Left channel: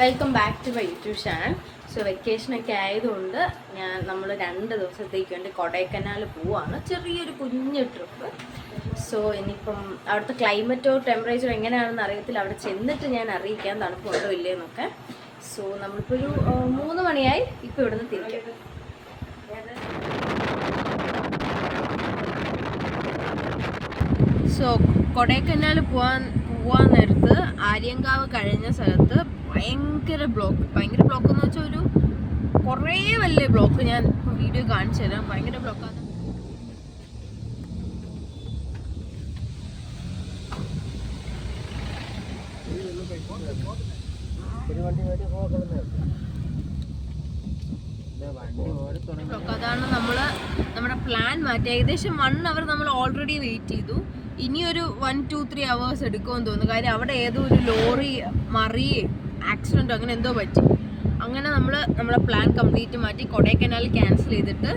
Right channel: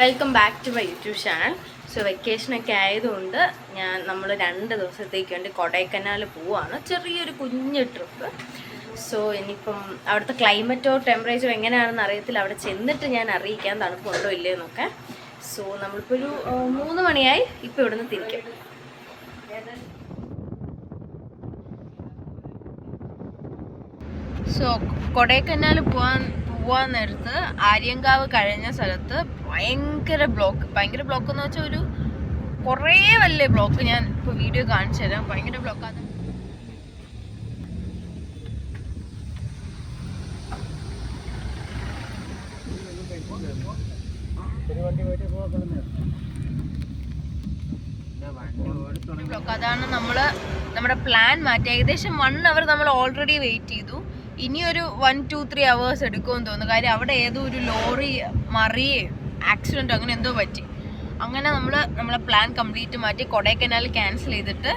Welcome back to my YouTube channel. So വെക്കേഷനൊക്കെ ആയതുകൊണ്ട് നമ്മൾ 2 ദിവസത്തേക്ക് വേണ്ടി കൊടൈക്കനാൽ പോവാണ്. ചെറിയൊരു കുഞ്ഞു ട്രിപ്പ്. സോ ഇനിയിപ്പം അവിടുത്തെ ക്ലൈമറ്റോ ടെമ്പറേച്ചറോ എങ്ങനെയാണെന്ന് അറിയത്തില്ല. അവിടെ ചെന്നിട്ട് ഞാൻ അറിയിക്കാം തണുപ്പുണ്ടോ ഇല്ലയെന്നൊക്കെ. സോ നമ്മളിപ്പോൾ ഒരു 3 മണിയായി. ഇപ്പോൾ ഇവിടുന്ന് തിരിക്കും. സോ കൊടൈക്കനാൽ പോവാൻ നേരത്ത് ആര്യങ്കാവ് കഴിഞ്ഞ സ്ഥലത്ത് ഭയങ്കര ബ്ലോക്ക് എന്ന് വെച്ചാൽ ഒരു കുറേ വലിയ ബ്ലോക്ക്. ഞാൻ ഇപ്പോൾ വീഡിയോ കാണിച്ചു തരാം. ഭയങ്കര ബ്ലോക്കാണ്. അതാണ് നമ്മുടെ പ്ലാൻ മാറ്റി. ഏകദേശം 1 അവർ നമ്മൾ ഓൾറെഡി വെയിറ്റ് ചെയ്തു. ഇനിയൊരു 1-2-3 hours എടുക്കുമെന്ന് തോന്നുന്നു. കാര്യം അവിടെ ഏതോ ഒരു ലോറി മറിയേ ആക്സിഡൻറ്റ് അങ്ങനെ എന്തോ പറ്റി. അങ്ങനെ നമ്മളെ പ്ലാൻ കംപ്ലീറ്റ് മാറ്റി കൊടൈക്കനാൽ ക്യാൻസൽ ചെയ്തിട്ട്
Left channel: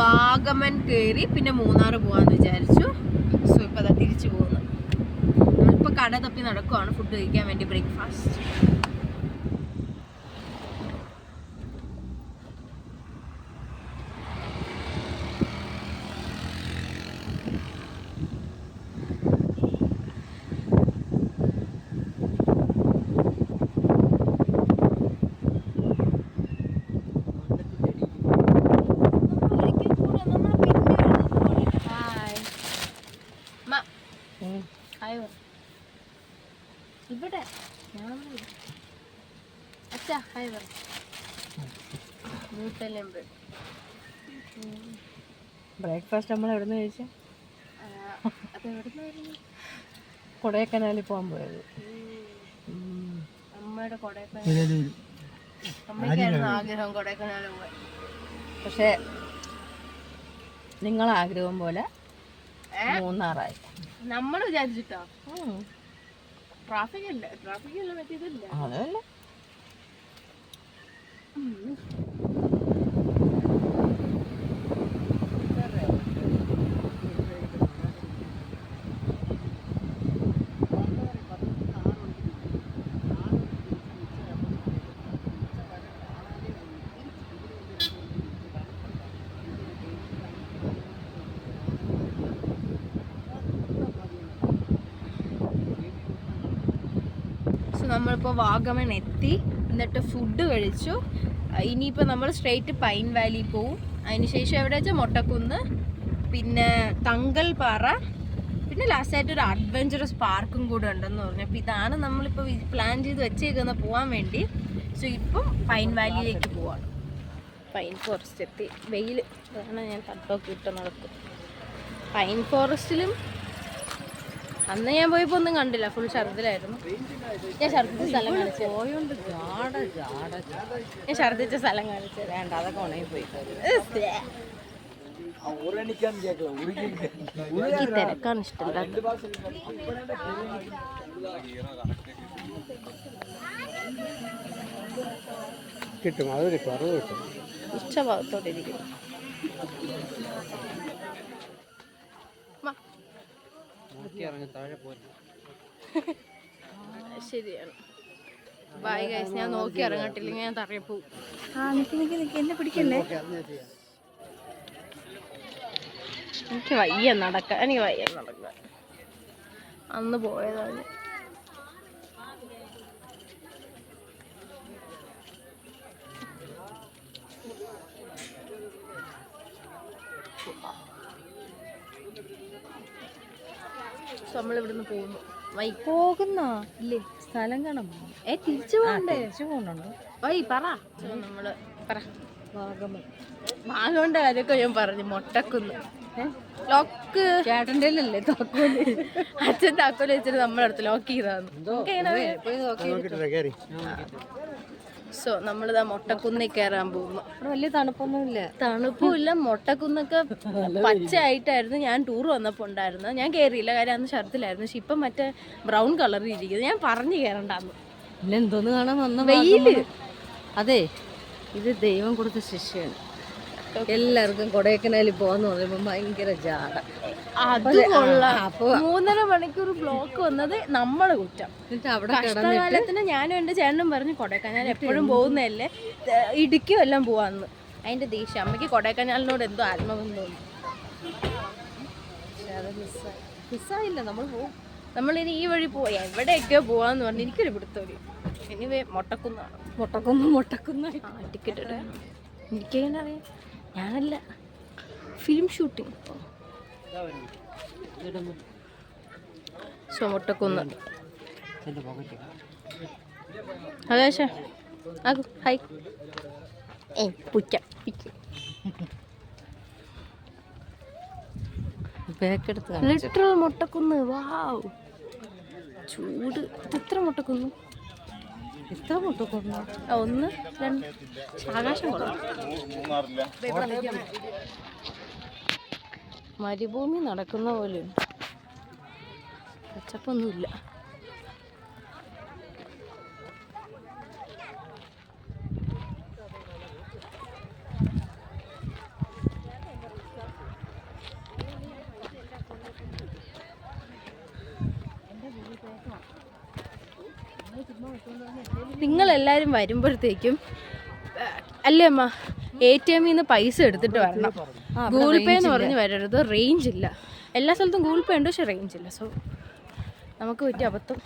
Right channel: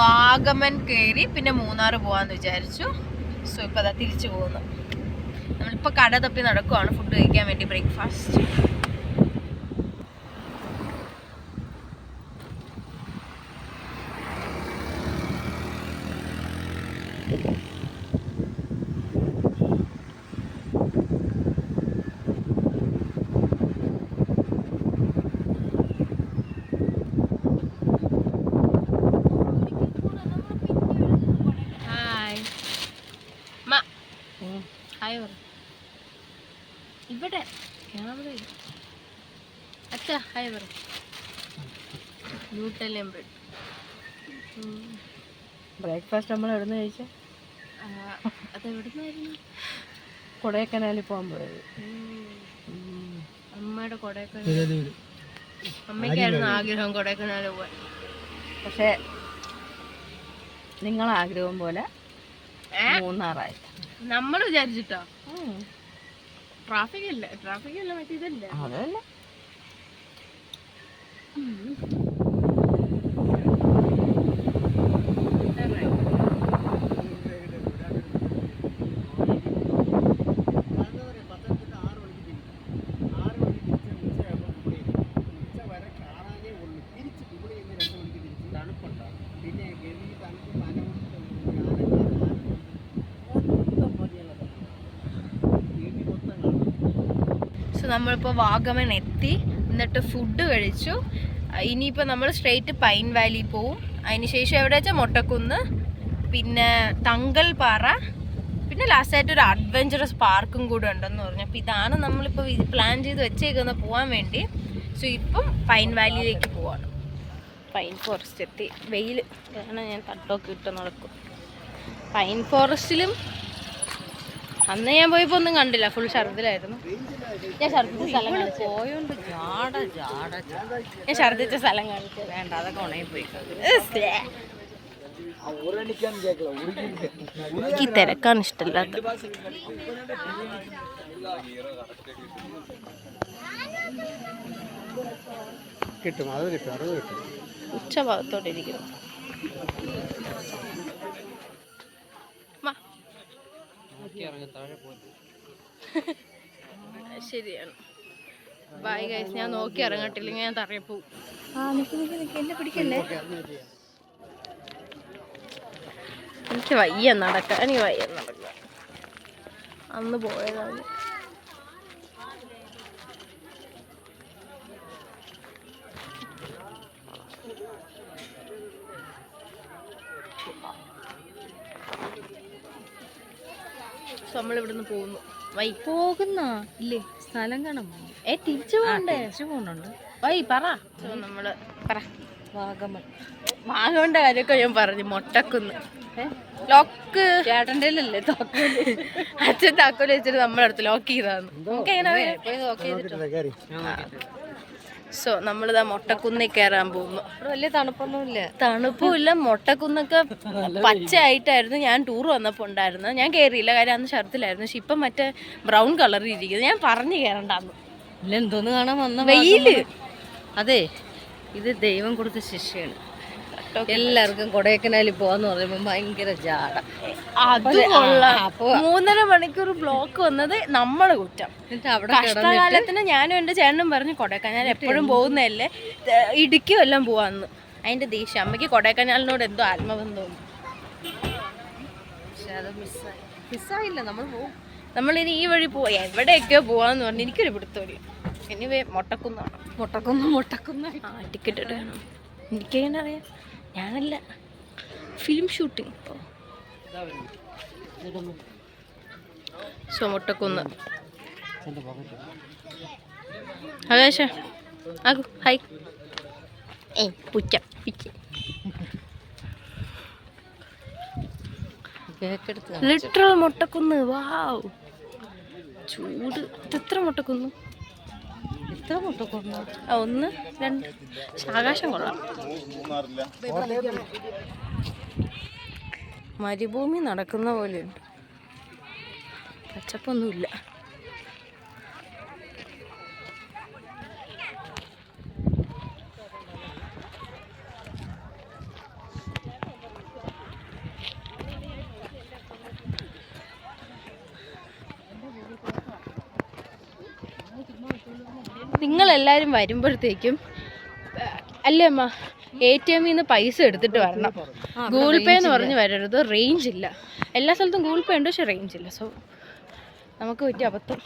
വാഗമൺ കയറി പിന്നെ മൂന്നാർ പോകാമെന്ന് വിചാരിച്ചു. സോ ഇപ്പോൾ അതാ തിരിച്ചു പോകുന്നു. നമ്മളിപ്പോൾ കട തപ്പി നടക്കുവാണ് ഫുഡ് കഴിക്കാൻ വേണ്ടി, ബ്രേക്ക്ഫാസ്റ്റ്. ഇവിടെ ക്യാമറ അച്ഛാ ഹായ് പറ. ബ്രേക്ക്ഫാസ്റ്റ് നമ്മൾ എവിടെ നിന്ന് കഴിച്ച? അത് എവിടുന്നായിരുന്നു? കൊടൈക്കനാലിൽ പോകാൻ പോയത്. അമ്മയുടെ കൊടൈക്കനാൽ. അമ്മയ്ക്കായിരുന്നു ആഗ്രഹം കൊടൈക്കനാൽ പോകാൻ. പക്ഷേ നിങ്ങളാഗ്രഹം പോലെ മൂന്നാറായി. നമ്മൾ വിചാരിച്ചിട്ടോ? ട്രാഫിക് അല്ല മറ്റേതല്ല. അതല്ല നമ്മളിപ്പോൾ വാഗമൺ എത്തി. എന്നിട്ട് ഫുഡ് കഴിച്ചു. ഇനിയിപ്പോൾ നമ്മൾ സ്ട്രെയിറ്റ് പൈൻ വാലി പോവും. അതിനുശേഷം എവിടെ വെച്ചാൽ മൊട്ടക്കുന്ന്, പിന്നെ തങ്കൽപ്പാറ, പിന്നെ ലാസ്റ്റായിട്ട് ഒരു അഡ്വഞ്ചറസ് പാർക്കും കൂടെ ഉണ്ടെന്ന് പറഞ്ഞു. അപ്പോൾ ഇതാണ് നമ്മളിപ്പോൾ പ്ലാൻ ചെയ്ത് വെച്ചേക്കുന്നത് പോകാൻ വേണ്ടി. സോ ഇപ്പം പൈൻ വാലിയിലേക്ക് പോവാണ്. പൈൻ ഫോറസ്റ്റ് എത്തി. വെയിൽ ആണ്, ഞാൻ തട്ടൊക്കെ ഇട്ട് നടക്കും. പൈൻ ഫോറസ്റ്റിലും അന്ന് ഞാൻ പോയപ്പോൾ ഒന്നും കണ്ടില്ല, ഫുൾ ഛർദിലായിരുന്നു. ഞാൻ ഛർദിച്ച സ്ഥലം കാണിച്ചു. ഞാൻ ഛർദിച്ച സ്ഥലം കാണിച്ചു. വേണ്ട, അതൊക്കെ ഉണങ്ങി പോയി. എനിക്ക് തിരക്കാണ് ഇഷ്ടമില്ലാത്ത. ഉച്ച ഭാഗത്തോടെ ഇരിക്കുന്നു. ശരിയാണ്. Bye guys. ഞാൻ നോക്കി ഇറങ്ങട്ടില്ലെങ്കിൽ ഞാൻ തറയെ പോവും. എന്നെ പിടിക്കല്ലേ? എനിക്ക് വയ്യ നടക്കാൻ. അന്ന് പോയതാണ്. നമ്മളിവിടുന്ന് പോകുന്നു. പോകുന്ന ഇല്ലേ? സ്ഥലം കാണാൻ തിരിച്ചു പോകുന്നുണ്ട്. വൈ പറ. നമ്മള് പറ. വാഗമണിന്റെ കാര്യമൊക്കെ ഞാൻ പറഞ്ഞു. മൊട്ടക്കുന്ന് ലോക്ക് ചേട്ടൻ്റെ അല്ലേ താക്കോല്? അച്ഛൻ താക്കോല് വെച്ചിട്ട് നമ്മളടുത്ത് ലോക്ക് ചെയ്താന്ന്. സോ നമ്മളിതാ മൊട്ടക്കുന്നിൽ കയറാൻ പോകുന്നു. വലിയ തണുപ്പൊന്നുമില്ല. തണുപ്പുമില്ല. മൊട്ടക്കുന്നൊക്കെ പച്ചയായിട്ടായിരുന്നു ഞാൻ ടൂർ വന്നപ്പോൾ ഉണ്ടായിരുന്നു. ഞാൻ കയറിയില്ല, കാര്യം അന്ന് ഷർട്ടിലായിരുന്നു. പക്ഷെ ഇപ്പം മറ്റേ ബ്രൗൺ കളറിൽ ഇരിക്കുന്നത്. ഞാൻ പറഞ്ഞു കയറണ്ടാന്ന്. എന്തോന്ന് കാണാൻ വന്ന വെയില്. അതെ, ഇത് ദൈവം കൊടുത്ത ശിക്ഷയാണ്. ബോട്ടോ എല്ലാവർക്കും കൊടൈക്കനാലിൽ പോവാന്ന് പറയുമ്പോ ഭയങ്കര ജാട. അത് കൊള്ളാം. 3.5 മണിക്കൂർ ബ്ലോക്ക് വന്നത് നമ്മള് കുറ്റം. കഷ്ടകാലത്തിന് ഞാനും എൻ്റെ ചേട്ടനും പറഞ്ഞു കൊടൈക്കനാൽ എപ്പോഴും പോകുന്നതല്ലേ, ഇടുക്കിയും എല്ലാം പോവാന്ന്. അതിന്റെ ദേഷ്യം അമ്മയ്ക്ക് കൊടൈക്കനാലിനോട് എന്തോ ആത്മബന്ധമുണ്ട്. പക്ഷെ അത് മിസ്സായില്ല. നമ്മൾ പോകും. നമ്മളിനി ഈ വഴി പോവാ, എവിടെയൊക്കെയോ പോവാന്ന് പറഞ്ഞു. എനിക്കൊരു പിടുത്തമില്ല. എനിവേ മൊട്ടക്കുന്നാണ്. മൊട്ടക്കുന്ന് ആ ടിക്കറ്റ് എടുക്കണം. എനിക്കെങ്ങനെ അറിയാം? ഞാനല്ല, ഫിലിം ഷൂട്ടിങ്. സോ മൊട്ടക്കുന്ന്. ആകാശ ആകു ഹായ്. പുച്ച പിച്ച് ലിറ്ററൽ മൊട്ടക്കുന്ന്. വാവ്, ചൂട്. ഇതെത്ര മൊട്ടക്കുന്ന്? എത്ര മൊട്ടക്കുന്ന്? 1 2. ആകാശം കൊള്ളാം. മരുഭൂമി നടക്കുന്ന പോലെയുണ്ട്, പച്ചപ്പൊന്നുമില്ല. നിങ്ങളെല്ലാവരും വരുമ്പോഴത്തേക്കും അല്ലേ അമ്മ, ATM നിന്ന് പൈസ എടുത്തിട്ട് വരണം. ഗൂഗിൾ പേ എന്ന് പറഞ്ഞ് വരരുത്, റേഞ്ച് ഇല്ല. എല്ലാ സ്ഥലത്തും ഗൂഗിൾ പേ ഉണ്ട്, പക്ഷെ റേഞ്ച് ഇല്ല. സോ നമുക്ക് പറ്റിയ അബദ്ധം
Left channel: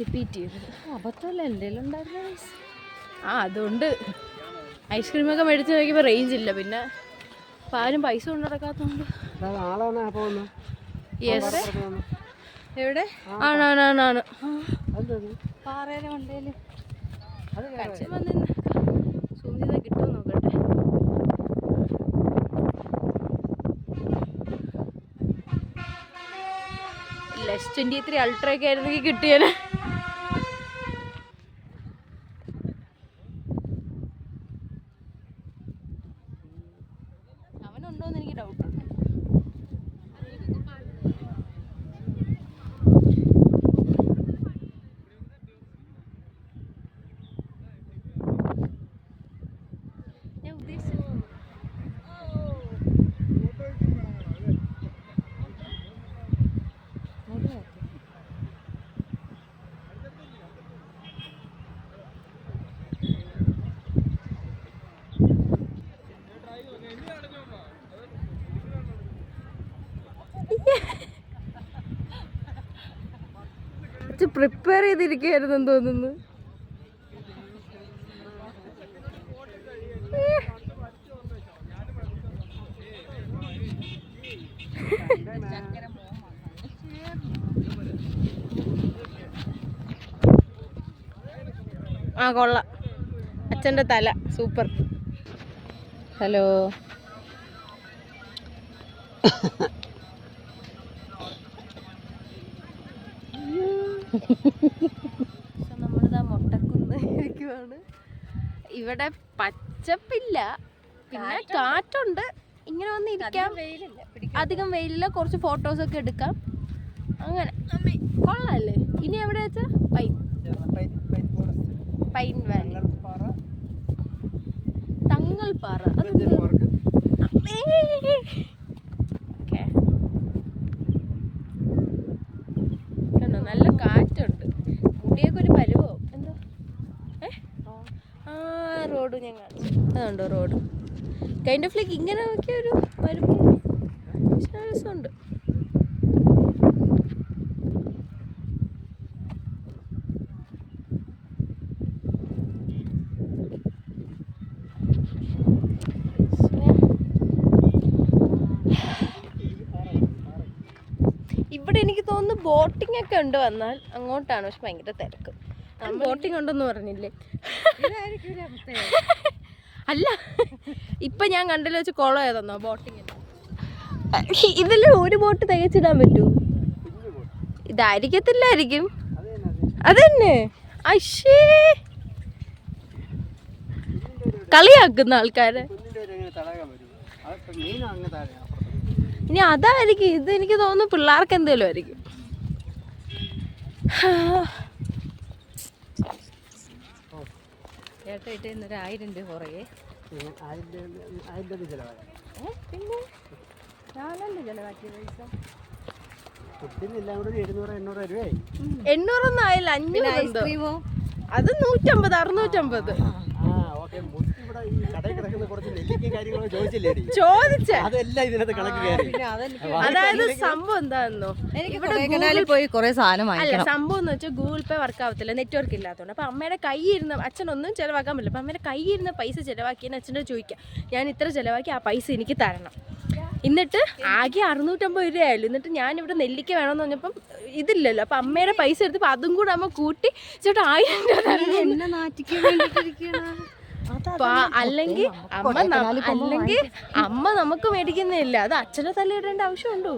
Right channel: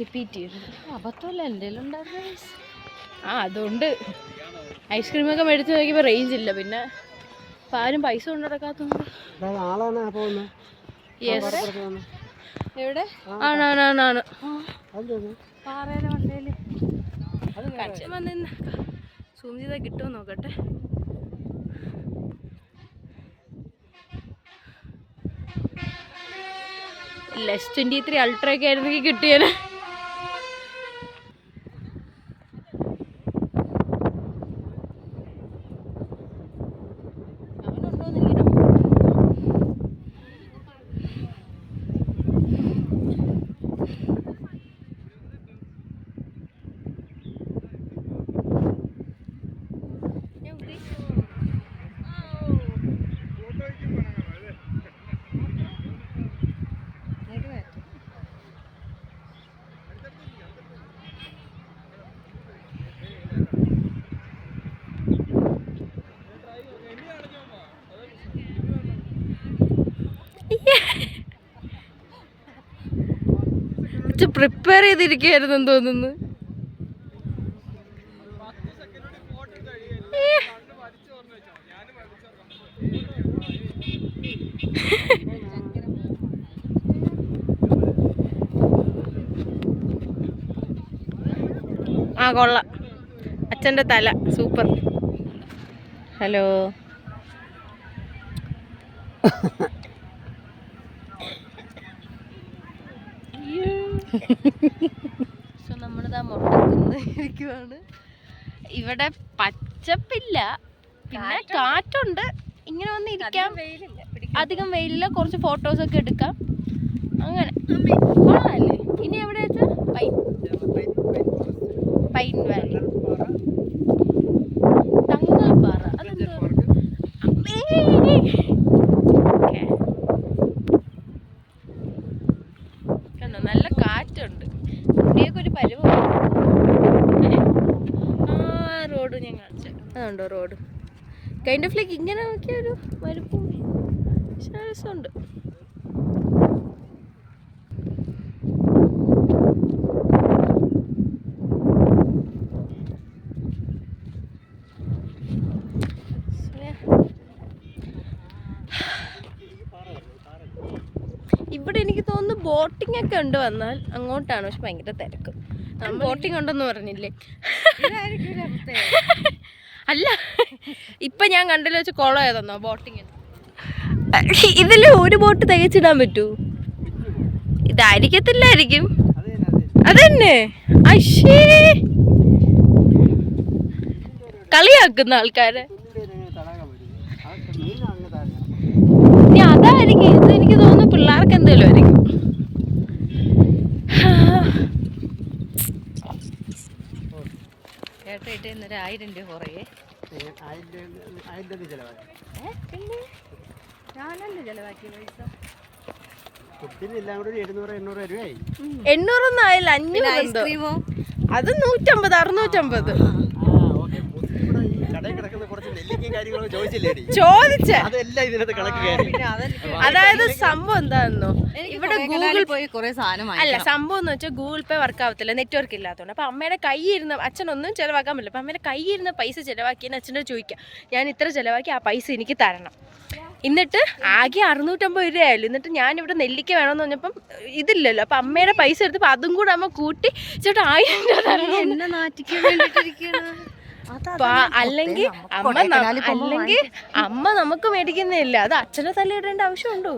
റിപ്പീറ്റ് ചെയ്യരുത്. അബദ്ധമല്ല, എൻ്റെ ഉണ്ടായിരുന്നു. അതുകൊണ്ട് ഐസ്ക്രീമൊക്കെ മേടിച്ച് നോക്കിയപ്പോൾ റേഞ്ച് ഇല്ല. പിന്നെ ഇപ്പം ആരും പൈസ കൊണ്ട് നടക്കാത്തതുകൊണ്ട്. യെസ്, എവിടെ? ആണ് പാറയിലെ മണ്ടയില് കച്ചൻ വന്ന് സൂം ചെയ്താൽ കിട്ടുമോ നോക്കട്ടെ. S23 അൾട്ര ഒക്കെ ആയിരുന്നെങ്കിൽ കിട്ടിയേനെ. പ്രിപ്പയർ ചെയ്തിരിക്കുകയായിരുന്നു തോന്നുന്നു. കൊള്ളാം. അച്ഛൻ്റെ തല സൂപ്പർ. ഹലോ. നമ്മളിതാ മൊട്ടക്കുന്ന് ഇരിക്കുവാണ്. ഇവിടെ പച്ചപ്പില്ല, പിന്നെ കാറ്റുണ്ട്. ഇങ്ങനെ വന്ന് ഇരിക്കാം, അധികം വെയിലില്ല. കുറച്ച് ഫോട്ടോസൊക്കെ എടുക്കാം. അങ്ങനെ കൊള്ളാല്ലേ. ഇനി എവിടെ വെച്ചാ പൈൻ വാലി, തങ്ങൾപ്പാറ. അതെന്തോ കണ്ടോ, നല്ല കാറ്റുണ്ട്. കുട്ടിയൊക്കെ ഒരു പരുവമാണ്. റോഡ് ഞാൻ കാണിച്ചു. അതുണ്ടോ റോഡ്? കൈൻഡ് ഓഫ് ലൈക്ക് ഇങ്ങനെ നോക്കിയ ഒരു മരുഭൂമി. രസമുണ്ട്. ഇവിടെ എനിക്ക് തോന്നുന്നു ബോട്ടിംഗ് ഒക്കെ ഉണ്ട്. വന്നാൽ അങ്ങോട്ടാണ്, പക്ഷെ ഭയങ്കര തിരക്ക്. ബോട്ടിംഗ് ഉണ്ടെന്ന് പറഞ്ഞില്ലേ? അല്ല, ഇപ്പൊ ഞാൻ കണ്ടല്ലോ വെച്ച് കുളം ഏതെന്നോ ബോട്ടിങ്ങിന്. ഇതിൽ ഒരു ബോട്ട് തികച്ചിടാൻ പറ്റൂ? ഇതായിരിക്കത്തില്ലായിരിക്കും. അതന്നെ. അശ്ശേ, കളിയാക്കുന്ന ആൾക്കാരെ. ഇനി അതായിരിക്കും. ഇത് എനിക്ക് തോന്നുന്നു പിള്ളേർക്ക് എന്തേലും ആയിരിക്കും. ചേട്ടായിട്ട് ഇന്നൊരു 1000 രൂപ കുറയേ. പിന്നെ ഞാനല്ലേ ചെലവാക്കിയ പൈസ. ഫുഡിനെല്ലാം കൂടി 700-800 രൂപയായി. 800 ആയില്ല, 500. ഐസ്ക്രീമോ? അത് 150, 650 കടയിൽ കിടക്കുന്ന കുറച്ച് നെല്ലിക്കയും കാര്യങ്ങളൊക്കെ ചോദിച്ചില്ലേടി, ചോദിച്ച. അതെല്ലാം ഇതിനകത്ത് കണക്ക് കയറി. പിന്നെ അതെനിക്ക് അതായത് സംഭവം എന്താണെന്നോ, ഇവിടെ ഗൂഗിൾ പോയി കുറെ സാധനം അല്ല, സംഭവം എന്ന് വെച്ചാൽ ഗൂഗിൾ പേ വർക്ക് ആവത്തില്ല, നെറ്റ്വർക്ക് ഇല്ലാത്തതുകൊണ്ട്. അപ്പൊ അമ്മയുടെ കയ്യിരുന്ന, അച്ഛനൊന്നും ചെലവാക്കാൻ പറ്റില്ല. അപ്പൊ അമ്മയുടെ കയ്യിരുന്ന പൈസ ചെലവാക്കിയെന്ന് അച്ഛനോട് ചോദിക്കാം, ഞാൻ ഇത്ര ചെലവാക്കി, ആ പൈസ എനിക്ക് തരണം. എന്നിട്ട് ആകെ 650 രൂപയായാലും. എന്നിട്ട് ഞാനിവിടെ നെല്ലിക്ക വേണമെന്ന് പറഞ്ഞപ്പം ഇതില്ലല്ലോ, അപ്പൊ അമ്മയുടെ പൈസ എടുത്തപ്പോൾ അതും കൂടെ അമ്മ കൂട്ടി ചേട്ടാ 1000 രൂപ തരണം. എന്നെ നാറ്റിക്കാൻ വേണ്ടിട്ടിരിക്കുകയാണ്. അല്ലെങ്കിൽ അമ്മ നമുക്ക് മേടിക്കുന്നില്ല, അത് അച്ഛനെ തല്ലിയിടേണ്ട ആവശ്യമുണ്ടോ?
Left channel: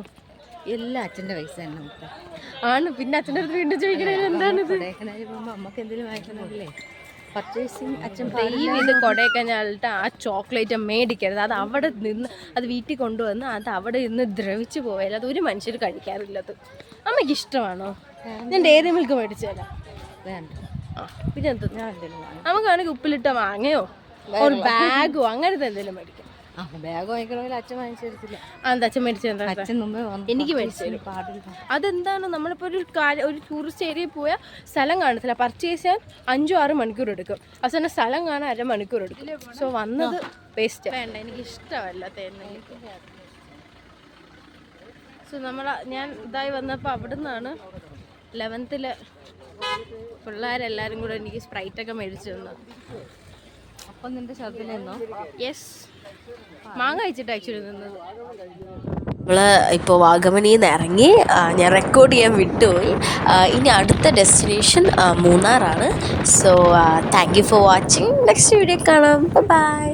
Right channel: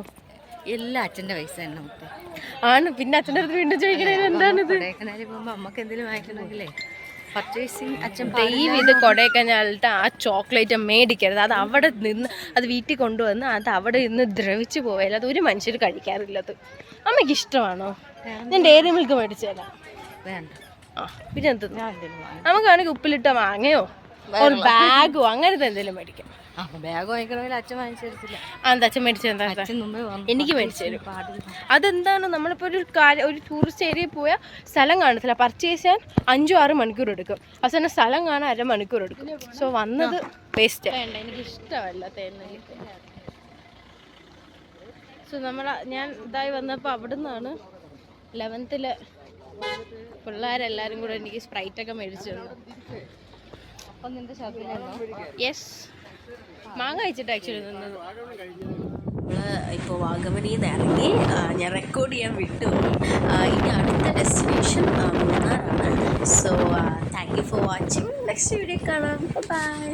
എല്ലാം അച്ഛന്റെ പൈസ തന്നെ നമുക്ക് ആണ്. പിന്നെ അച്ഛൻ്റെ അടുത്ത് വീണ്ടും ചോദിക്കണേ എന്താണിത്? കൊടൈക്കനാലിൽ പോകുമ്പോ അമ്മക്ക് എന്തെങ്കിലും വാങ്ങിക്കണമെങ്കിലേ പർച്ചേസിങ് അച്ഛൻ ദൈവം ഇത് കൊടൈക്കനാലിട്ട് ആ ചോക്ലേറ്റ് മേടിക്കരുത്. അത് അവിടെ നിന്ന് അത് വീട്ടിൽ കൊണ്ടുവന്ന് അത് അവിടെ നിന്ന് ദ്രവിച്ചു പോയാൽ അത് ഒരു മനുഷ്യർ കഴിക്കാറില്ലത്. അമ്മയ്ക്ക് ഇഷ്ടമാണോ? ഞാൻ ഡയറി മിൽക്ക് മേടിച്ചു തരാം. വേണ്ട. ആ പിന്നെ എന്ത്, ഞാൻ എന്തെങ്കിലും വാങ്ങാം. നമുക്കാണെങ്കിൽ ഉപ്പിലിട്ട മാങ്ങയോ ഒരു ബാഗോ അങ്ങനത്തെ എന്തെങ്കിലും മേടിക്കാം. ബാഗ് വാങ്ങിക്കണമെങ്കിൽ അച്ഛൻ വാങ്ങിച്ചു തരത്തില്ല. എന്താ അച്ഛൻ മേടിച്ചു എന്താ? അച്ഛൻ മുമ്പേ എനിക്ക് മേടിച്ചു തരും. പാടില്ല. അതെന്താണ്, നമ്മളിപ്പോൾ ഒരു ടൂറിസ്റ്റ് ഏരിയയിൽ പോയാൽ സ്ഥലം കാണത്തില്ല, പർച്ചേസ് ചെയ്യാൻ 5-6 മണിക്കൂർ എടുക്കും. അവസാനം സ്ഥലം കാണാൻ 1/2 മണിക്കൂർ എടുക്കും. സോ വന്നത് വേസ്റ്റ്. വേണ്ട, എനിക്ക് ഇഷ്ടമല്ല തേനെല്ലിക്ക. സോ ഞാൻ ഇതായി വന്നപ്പോൾ അവിടെ നിന്നാണ് 11th പിള്ളേരെല്ലാവരും കൂടെ എനിക്ക് സ്പ്രൈറ്റൊക്കെ മേടിച്ചു തന്നു. അപ്പം നിന്റെ ഷോപ്പിൽ നിന്നോ? യെസ്, മാങ്ങ കഴിച്ചിട്ട് ആക്ച്വലി നിന്നത്. നമ്മൾ ഇപ്പോൾ വാഗമണിയിൽ നിന്ന് ഇറങ്ങി, ഞാൻ റെക്കോർഡ് ചെയ്യാൻ വിട്ടുപോയി. ഇനി അടുത്ത ഡെസ്റ്റിനേഷൻ മൂന്നാറാണ്. So thank you for watching. Next video കാണാം. ബൈ.